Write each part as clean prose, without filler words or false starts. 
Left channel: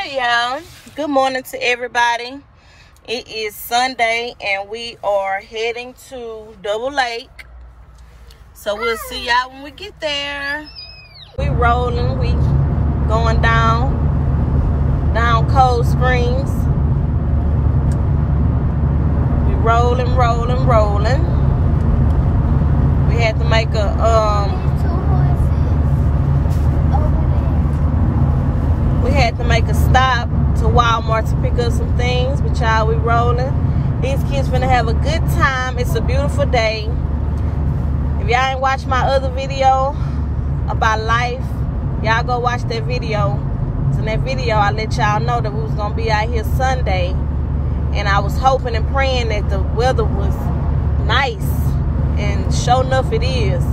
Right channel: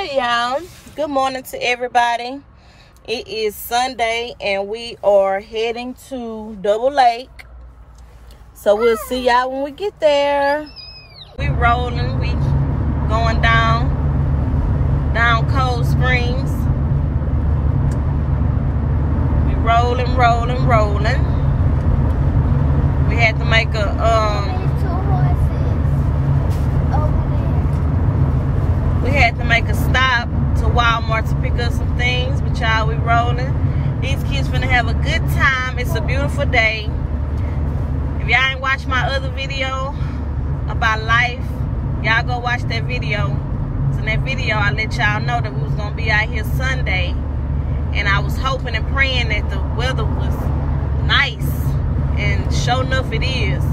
Hey y'all, good morning to everybody. It is Sunday and we are heading to Double Lake, so we'll see y'all when we get there. We rolling, we going down Cold Springs. We rolling. We had to make a stop to Walmart to pick up some things, but y'all, we rolling. These kids finna have a good time. It's a beautiful day. If y'all ain't watched my other video about life, y'all go watch that video. So in that video, I let y'all know that we was gonna be out here Sunday, and I was hoping and praying that the weather was nice, and sure enough it is.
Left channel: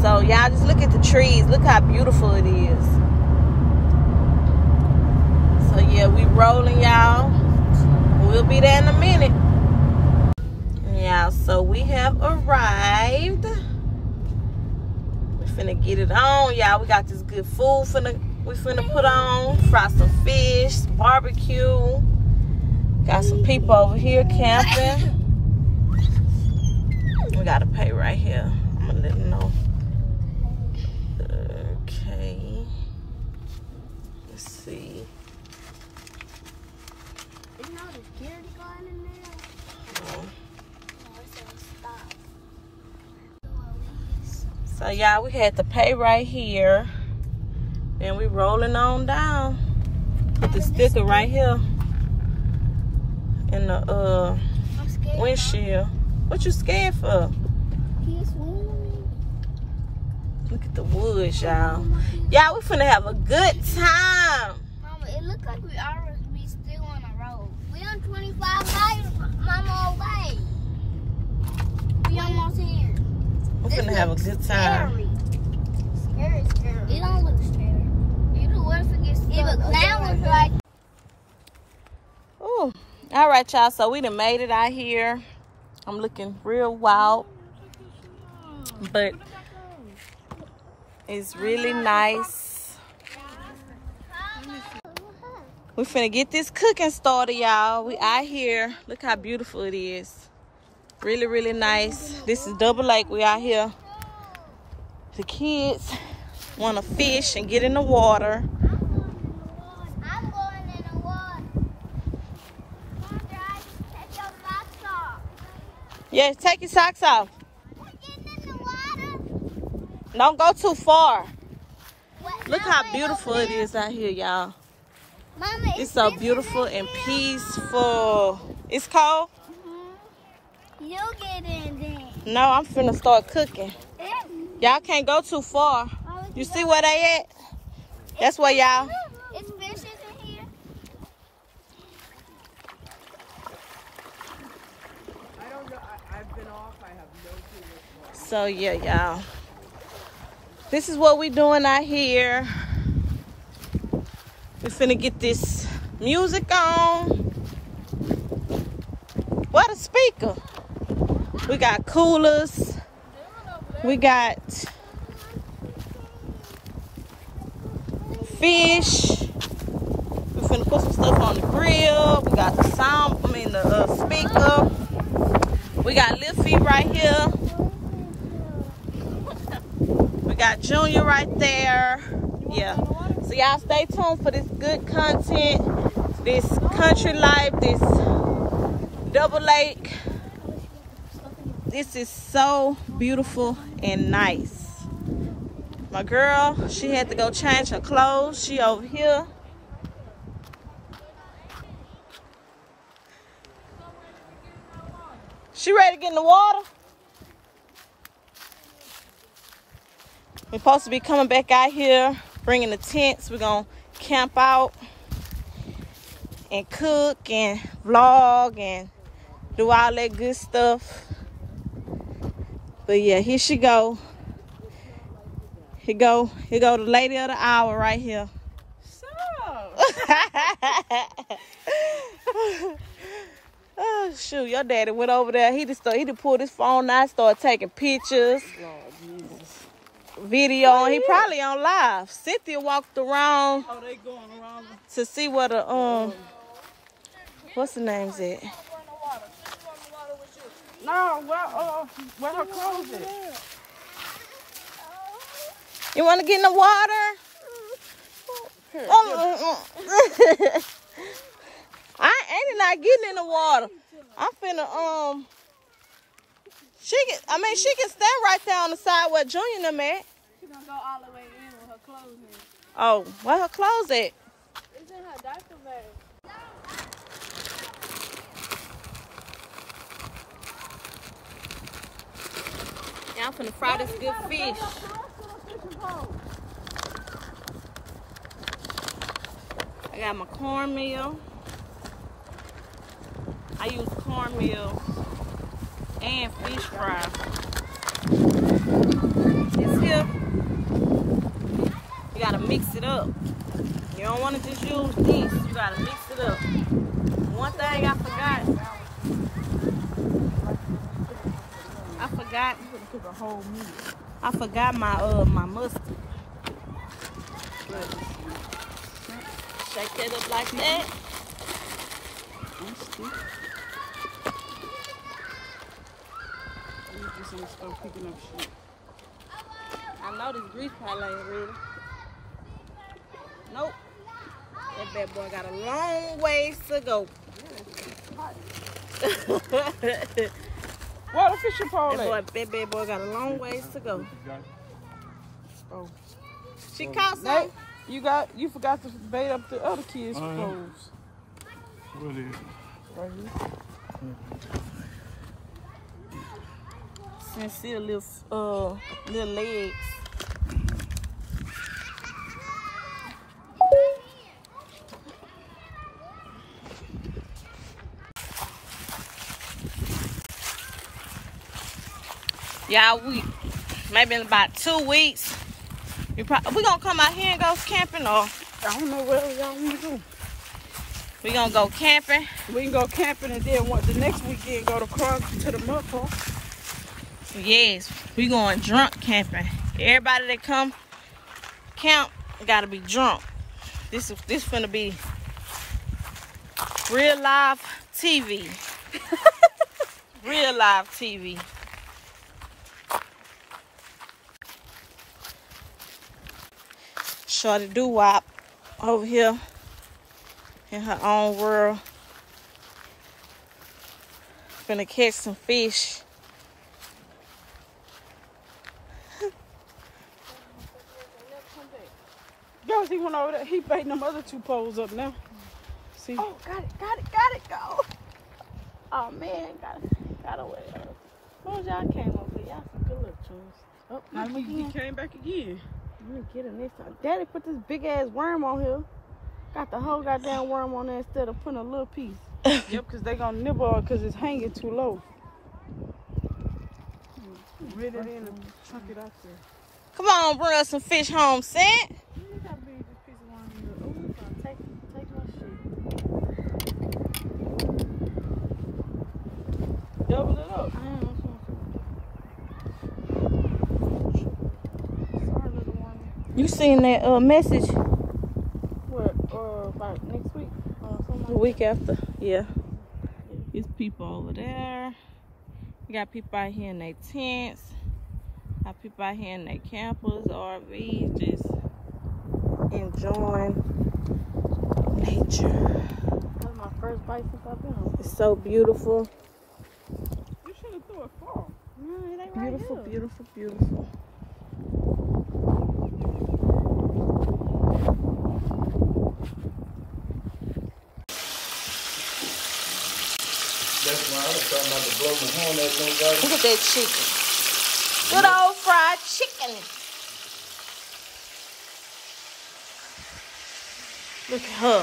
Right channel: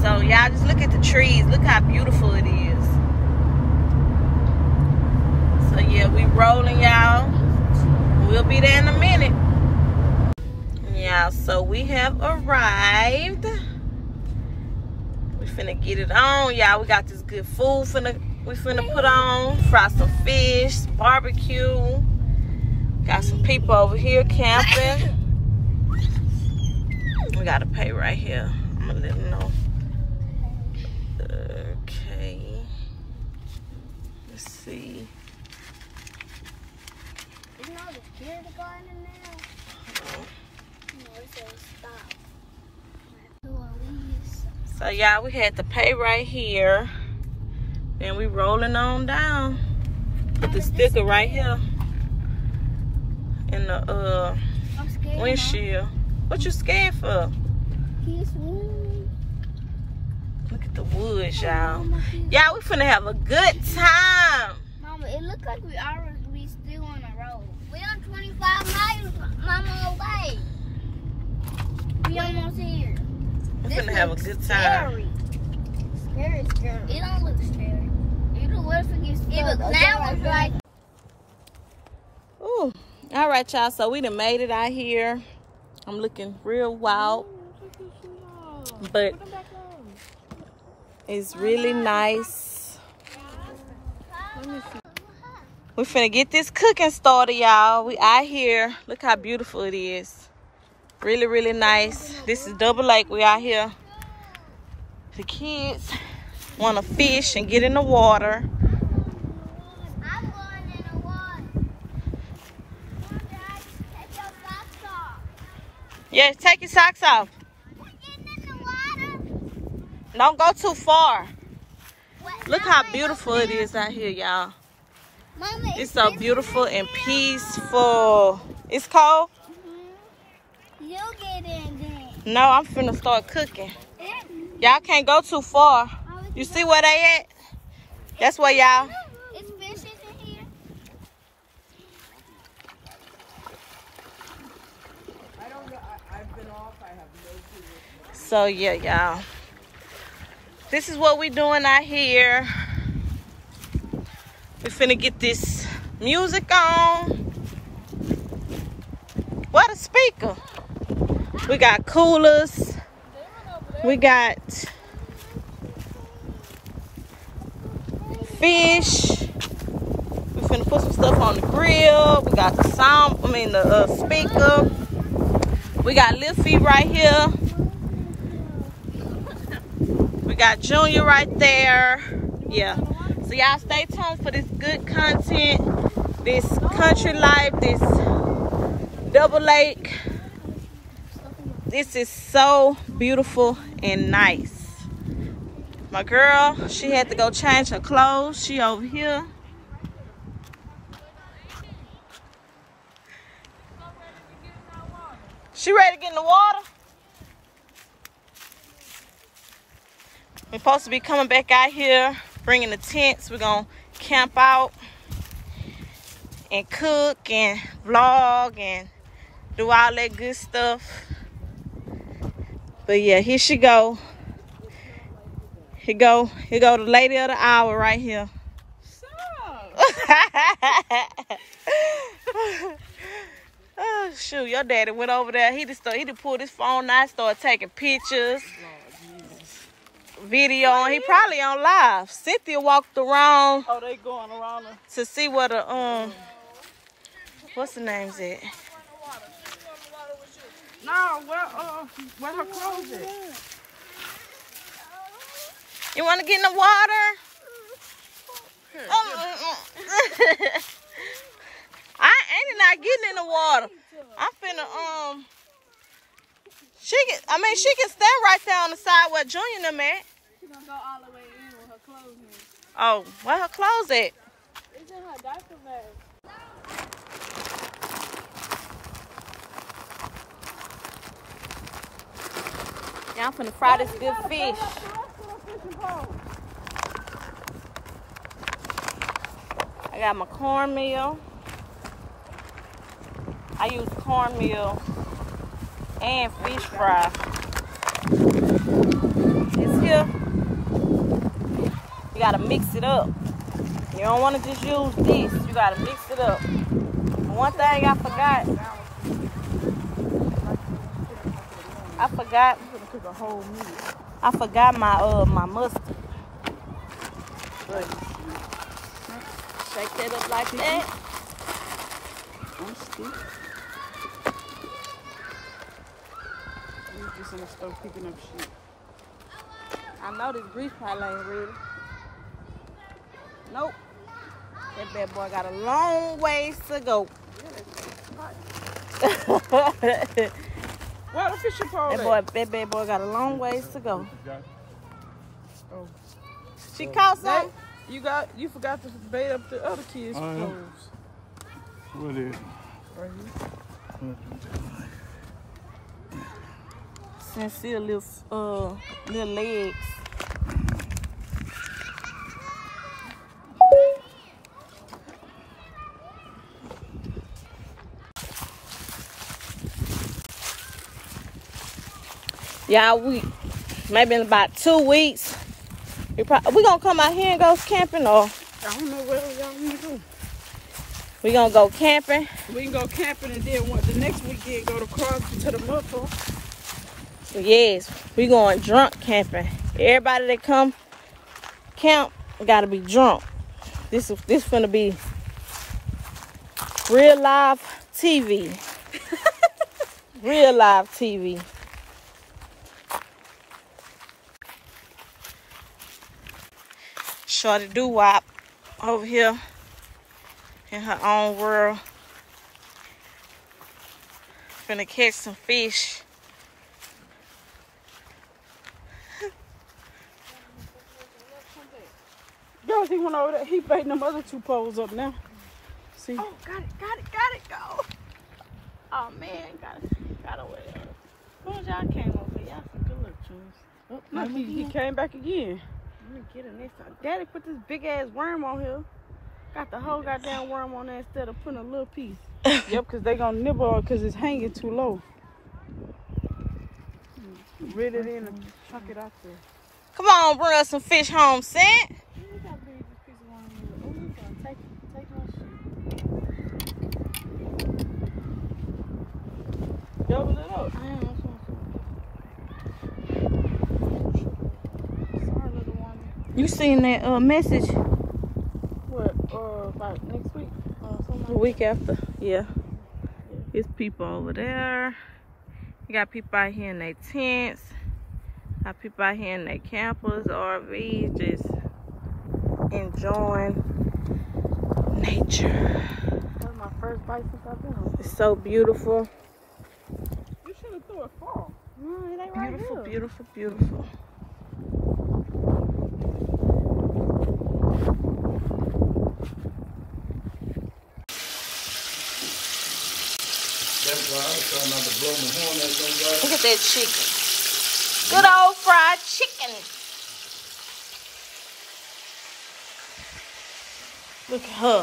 So y'all just look at the trees. Look how beautiful it is. So yeah, we rolling, y'all. We'll be there in a minute. Yeah, so we have arrived. We finna get it on, y'all. We got this good food we finna put on. Fry some fish, barbecue. Got some people over here camping. We gotta pay right here. I'm gonna let them know. Okay. Let's see. Isn't that a security guard in there? No, it says stop. So y'all, we had to pay right here. Then we rolling on down. Put the sticker right here in the windshield. What you scared for? Look at the woods, y'all. Y'all, we finna have a good time. Mama, it looks like we still on the road. We on 25 miles, Mama, away. We almost here. We're finna have a good time. Scary. It don't look scary. What if it gets scary? That one's like... Ooh. All right, y'all. So we done made it out here. I'm looking real wild, but it's really nice. We finna get this cooking started, y'all. We out here. Look how beautiful it is. Really, really nice. This is Double Lake. We out here. The kids want to fish and get in the water. I'm going in the water. Mom, Dad, take your socks off. Yeah, take your socks off. Don't go too far. Look how beautiful it is out here, y'all. Mama, it's so beautiful and peaceful. It's cold? You get in there. No, I'm finna start cooking. Y'all can't go too far. You see where they at? That's where y'all. It's fishes in here. I don't know. I've been off. I have no clue. So yeah, y'all. This is what we doing out here. We finna get this music on. What a speaker. We got coolers. We got fish. We finna put some stuff on the grill. We got the the speaker. We got Lil Feet right here. We got Junior right there. Yeah. So y'all stay tuned for this good content, this country life, this Double Lake. This is so beautiful and nice. My girl, she had to go change her clothes. She over here. She ready to get in the water? We're supposed to be coming back out here, bringing the tents. We're gonna camp out and cook and vlog and do all that good stuff. But yeah, here she go. Here go the lady of the hour right here. Oh shoot, your daddy went over there. He just pulled his phone out, started taking pictures, video. He probably on live. Cynthia walked around. Oh, they going around to see what the what's the name's at? No, where her clothes at? You want to get in the water? I ain't not getting in the water. I'm finna she can stand right there on the side where Junior and them at. She gonna go all the way in with her clothes in. Oh, where her clothes at? It's in her diaper bag. Yeah, I'm finna fry this good fish. I got my cornmeal. I use cornmeal and fish fry. This here, you gotta mix it up. You don't wanna just use this, you gotta mix it up. One thing I forgot my mustard. Shake that up like that. You just gonna start picking up shit. I know this grease probably ain't ready. Nope. That bad boy got a long ways to go. Where the fishing pole at? That bad boy got a long ways to go. Oh. She caught some. You forgot to bait up the other kids' poles. What is it? Right here. Sincere little legs. Yeah, maybe in about 2 weeks, we gonna come out here and go camping, or I don't know where y'all want to go. we gonna go camping. We can go camping and then the next weekend go to Crosby to the mud park. Yes, we going drunk camping. Everybody that come camp gotta be drunk. This finna be real live TV. Real live TV. Shorty doo-wop over here in her own world. Finna catch some fish. Guys, he went over there. He baiting them other 2 poles up now. See? Oh, got it, go. Oh man, got away. What was y'all came over here? Y'all some good little tunes. Oh, look, he came back again. Let me get him this time. Daddy put this big ass worm on here. Got the whole goddamn worm on there instead of putting a little piece. Yep, because they gonna nibble on because it's hanging too low. Really chuck it out there. Come on, bring us some fish home, Scent. Look how big this piece of worm is. Oh, it's gonna take my shit. Double it up, man. Sorry, little one. You seen that message? What? About next week? The week after, yeah. It's people over there. You got people out here in their tents. Got people out here in their campers, RVs, just enjoying nature. That's my first bite since I've been home. It's so beautiful. You should have threw it far. It ain't beautiful, right, beautiful, beautiful. Look at that chicken. Good old fried chicken. Look at her.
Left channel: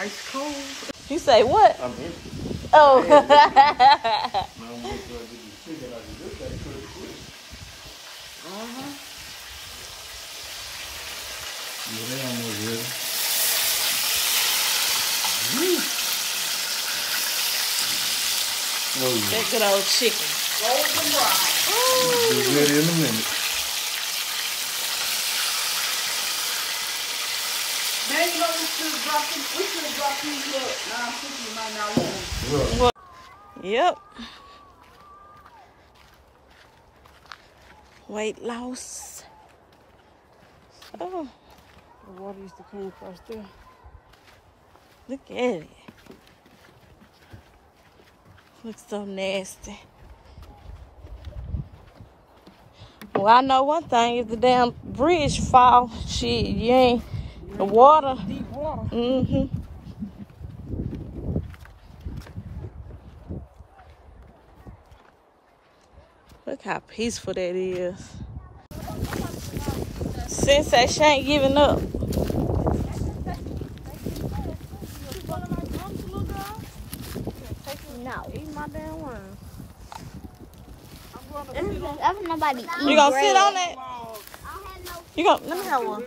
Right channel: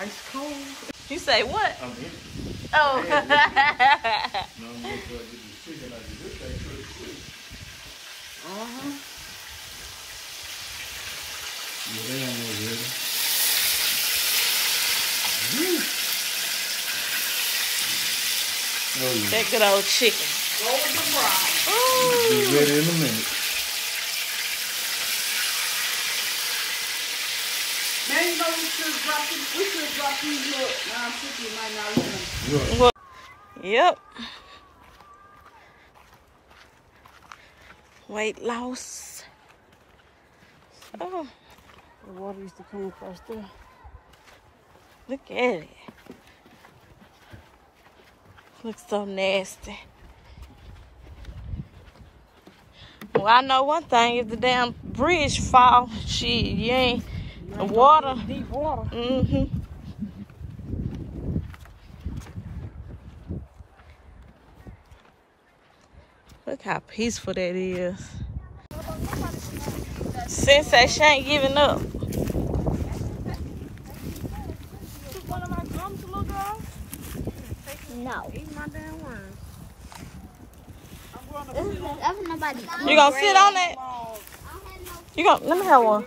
Ice cold. You say what? Oh. That good old chicken. Be ready in a minute. What? Yep. Weight loss. Oh, The water used to come across there. look at it. Looks so nasty. Well, I know one thing. If the damn bridge fall, shit, you ain't the water. Deep water. Mm-hmm. Look how peaceful that is. Sensei, she ain't giving up. No. Eat my damn worms. That's nobody eat. You gonna sit on that? I don't have no. You gonna, let me have one.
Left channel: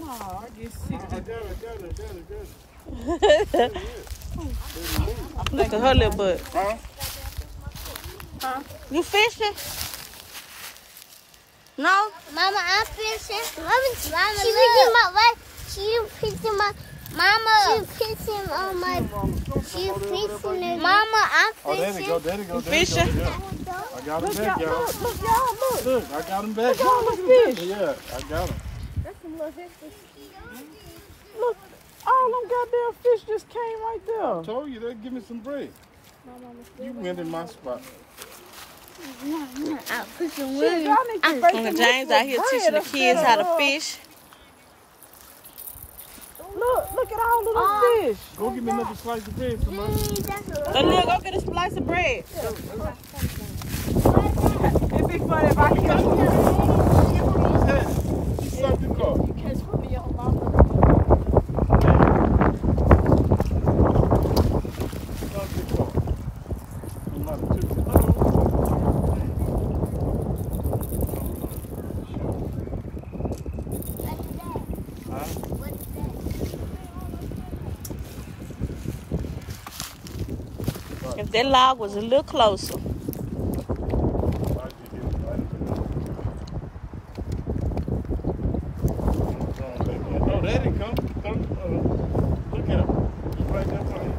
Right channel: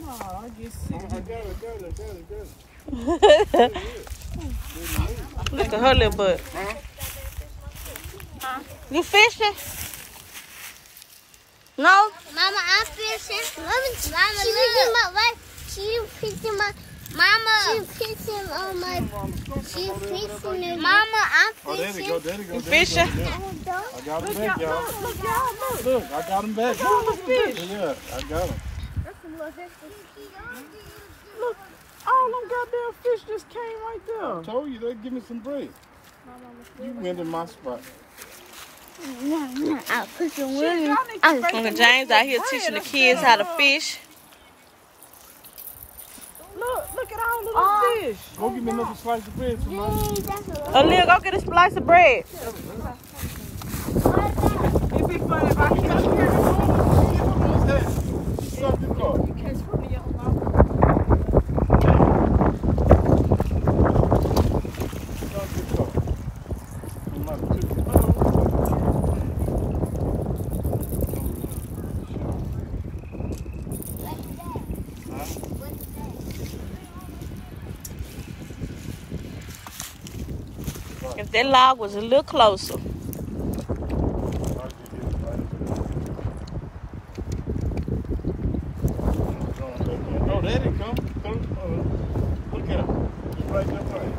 No, I get sick. I got it. Look at her little butt. You fishing? No? Mama, I'm fishing. Mama, she fishing my life. She fishing my. Mama, she fishing on my. She fishing it. Mama, I'm Oh, there fishing. they go. There they go. You There they fishing? go. Yeah. I got him back, y'all. Look, I got him back. Yeah, I got him. Look, all them goddamn fish just came right I there. told you they'd give me some bread. You went in my spot. I'll put your Shit, y'all need to make Uncle them James out here bread teaching the and kids stuff. how to fish. Look at all of them fish. Go get me another slice of bread, tomorrow. Aaliyah, go get a slice of bread. It'd be funny if I catch one. Suck the car. You catch one of your mama. Suck the car. I'm about to tip the If that log was a little closer. Oh, there he come. Look at him. Just like that one.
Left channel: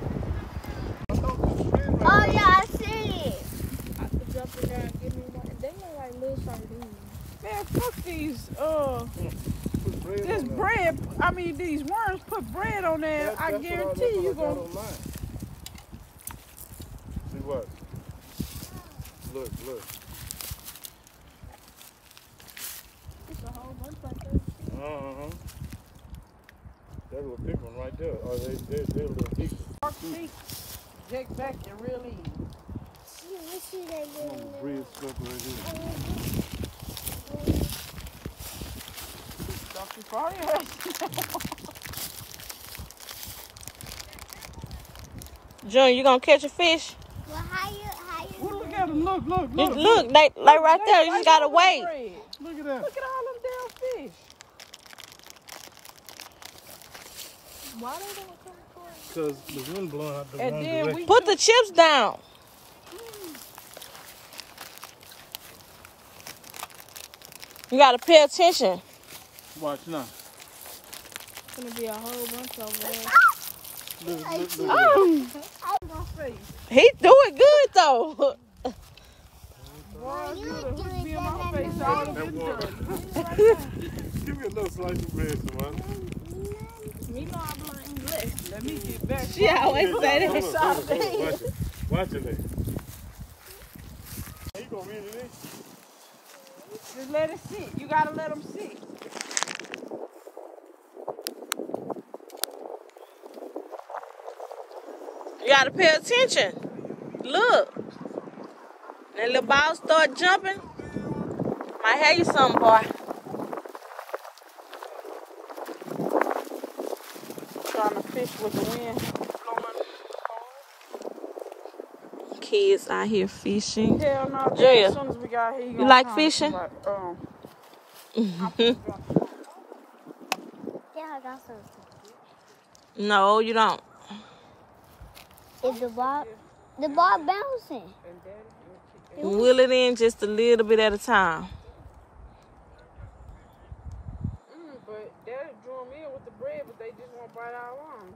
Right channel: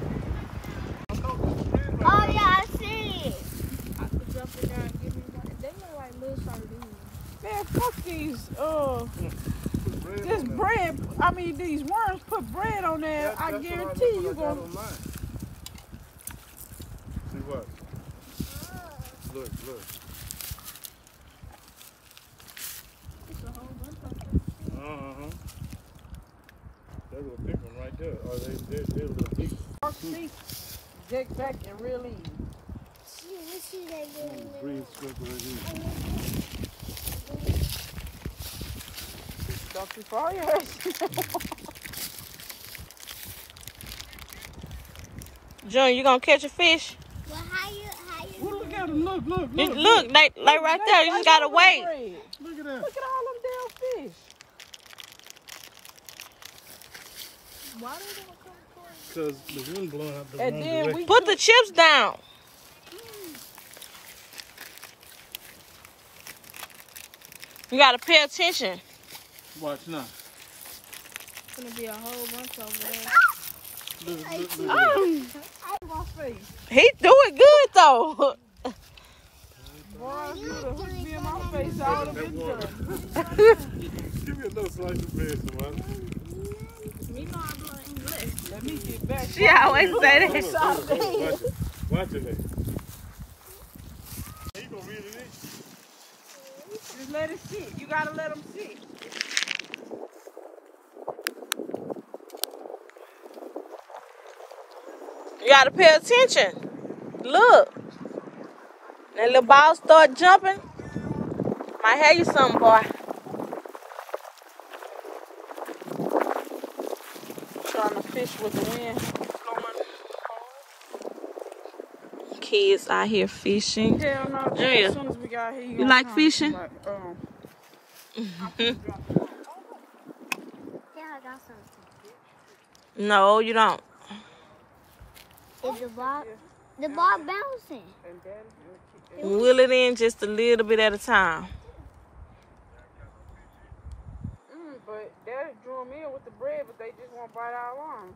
Oh yeah, I see it. Man, fuck these, this bread, I mean, these worms put bread on there. I guarantee you gonna. See what? Look. That little big one right there. Oh, they're a little deep. Zigzag and really. Bread stuck right here. Junior, you gonna catch a fish? Well, how you? Well, look at them. Look. Look, like right there. You just gotta wait. Look at that. Look at all them damn fish. Why don't they Because the wind blowing out the And wrong then direction. Put the chips down. You gotta pay attention. Watch now. gonna be a whole bunch of them. Look at that. My face. He do it good though. Boy, you would have hit me in my face. I would have been done. Give me another slice of bread, somebody. Me know I'm learning English. Let me get back. She always say that. Hold on. Watch it. Watch it. You gonna read it in? Just let it sit. You gotta let them sit. You gotta pay attention. Look. That little ball start jumping. Might have you something, boy. Trying to fish with the wind blowing. Kids out here fishing. Hell no. Junior, As soon as we got here, you like fishing? Yeah, I got something. No, you don't. Is the ball bouncing? Wheel it in just a little bit at a time. But that drew me with the bread, but they just won't bite our arms.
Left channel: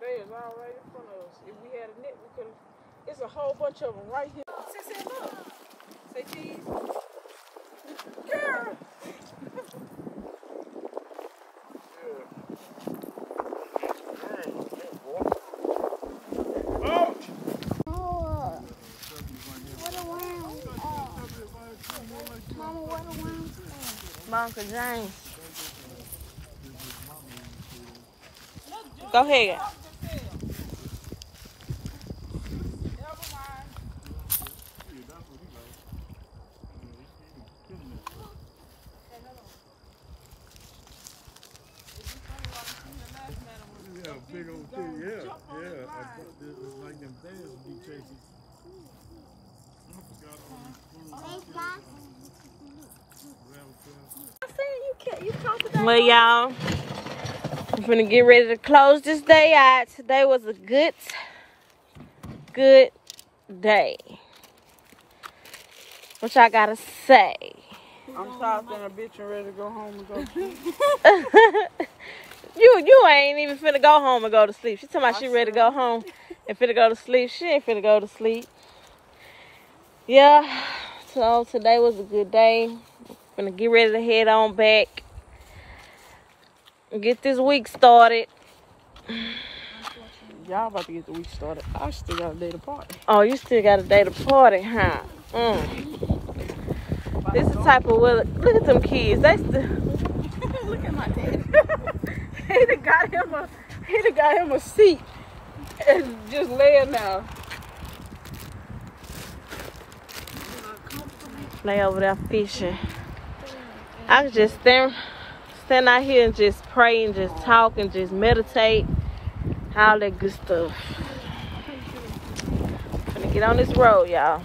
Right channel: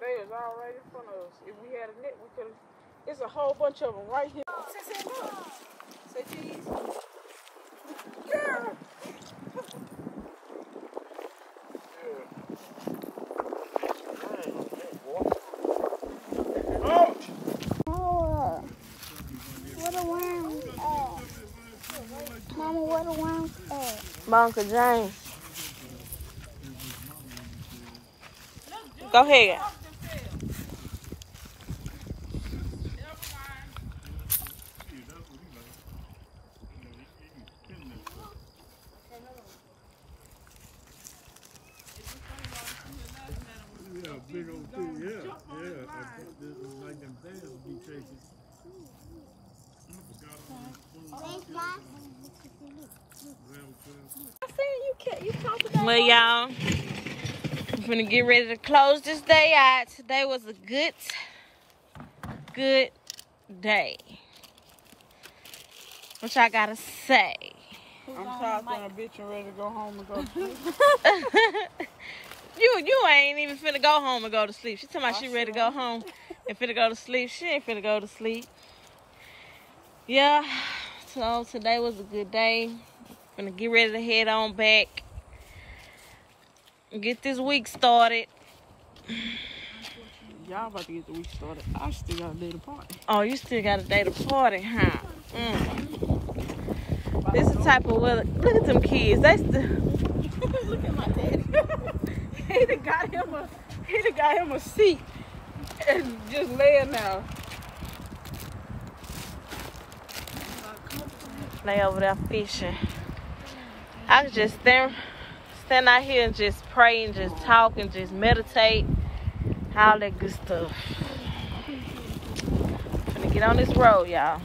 They is all right in front of us. If we had a net, we could have. It's a whole bunch of them right here. Say, look. Say cheese. Girl. Uncle James. Go ahead. Well, y'all, I'm gonna get ready to close this day out. Today was a good day. What y'all gotta say? I'm tired than a bitch and ready to go home and go to sleep. You ain't even finna go home and go to sleep. She talking about she ready to go home and finna go to sleep. She ain't finna go to sleep. Yeah, so today was a good day. Finna get ready to head on back. Get this week started. Y'all about to get the week started. I still got a day to party. Oh, you still got a day to party, huh? This is the type of weather. Look at them kids. They still. Look at my daddy. He done got him a seat and just laying now. They over there fishing. I can just stand out here and just pray and just talk and just meditate. All that good stuff. Get on this road, y'all.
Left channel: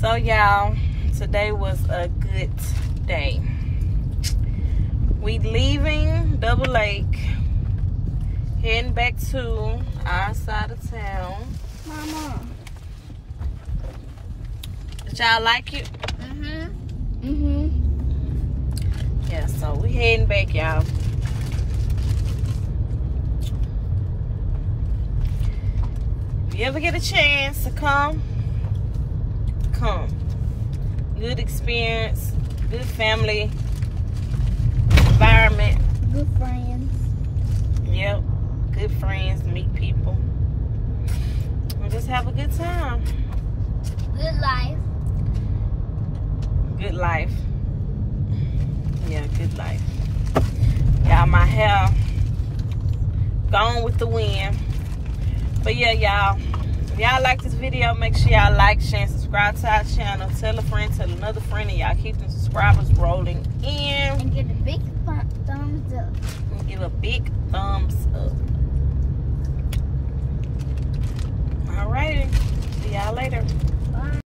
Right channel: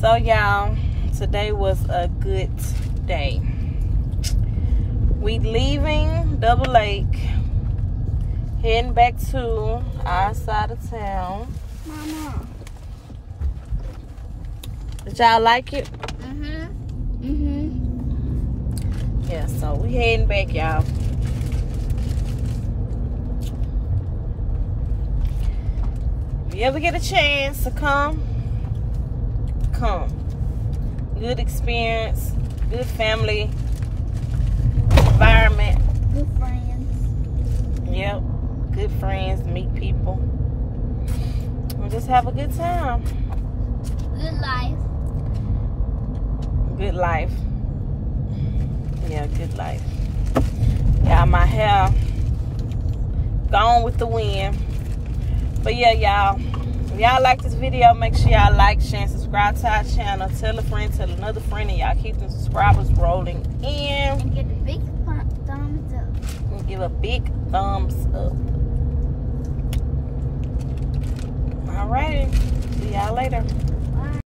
So, y'all, today was a good day. We leaving Double Lake, heading back to our side of town. Mama. Did y'all like it? Mm-hmm. Yeah, so we heading back, y'all. If you ever get a chance to come. Good experience, good family environment. Good friends. Yep, good friends, meet people. We'll just have a good time. Good life. Good life. Yeah, good life. Y'all, my hair gone with the wind. But yeah, y'all. If y'all like this video, make sure y'all like, share, and subscribe to our channel. Tell a friend, tell another friend, and y'all keep the subscribers rolling in. And give a big thumbs up. We'll give a big thumbs up. Alrighty. See y'all later.